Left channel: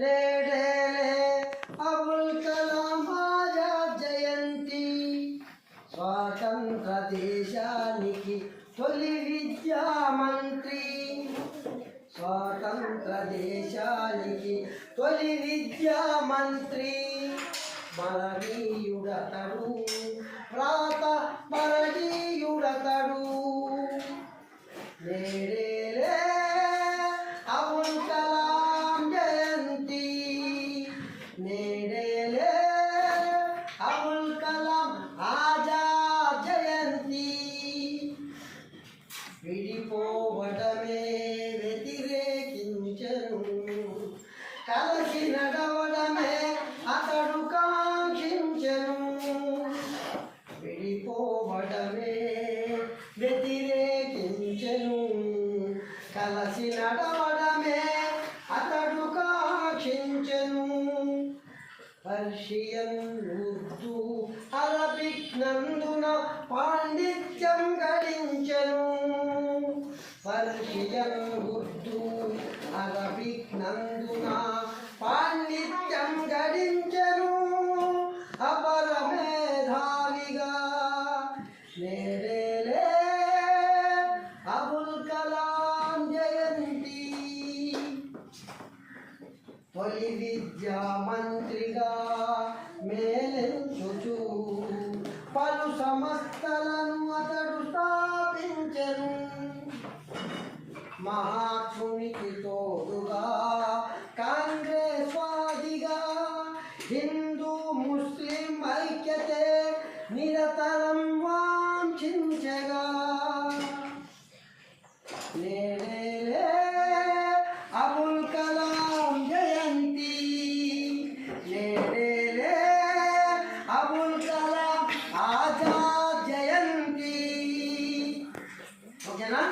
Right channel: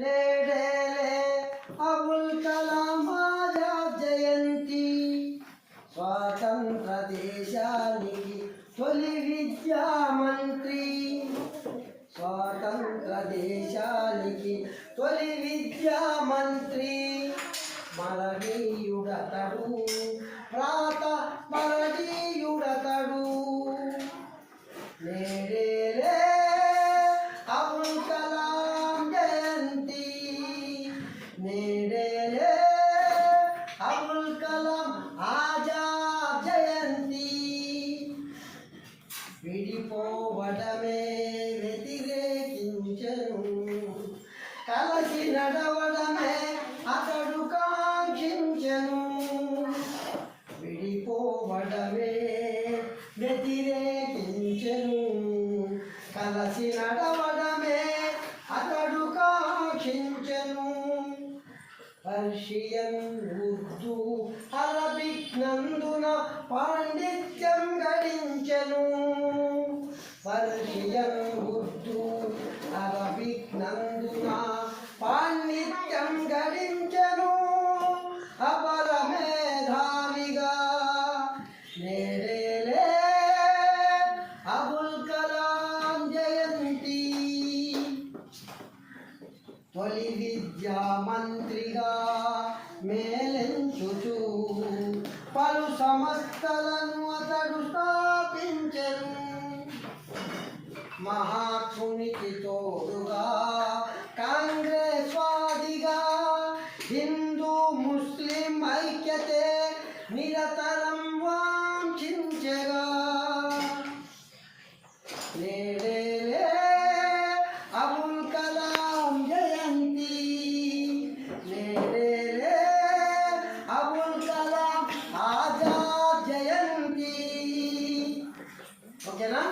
నేడేలే అబుల్ కలాం ఆజాద్ జయంతి. స్వాతంత్ర దేశానికి తొలి విద్యా మంత్రి. స్వాతంత్ర దేశానికి తొలి విద్యా మంత్రి. మరవీయుడతడు ప్రాత మరవీయుడతడు. నేడేలే అబుల్ కలాం జయంతి. నేడేలే అబుల్ కలాం ఆజాద్ జయంతి. విడిపోవడమే వ్యతిరేకించను, కలసి నడవడమే అతడు కాంక్షించను. విడిపోవడమే వ్యతిరేకించను, కలసి నడవడమే అతడు కాంక్షించను. పర్షియన్, ఉర్దూ, అరబిక్ నందున పాండిత్యం గడించెను. పర్షియన్, ఉర్దూ, అరబిక్ నందున పాండిత్యం గడించెను. అపర మేధావిగా నేడేలే అబుల్ కలాం జయంతి. తొలి విద్యా మంత్రిగా మేలెంచుచు పలు సంస్థలను అతడు స్థాపించెను. మహాత్మునికి తోడుగా కాంగ్రెస్ వాదిగా హిందూ ముస్లిం ఐక్యతే నిరతరం వాంఛించగా. నేడేలే అబుల్ కలాం జయంతి. నేడేలే అబుల్ కలాం ఆజాద్ జయంతి. ఓకేనా?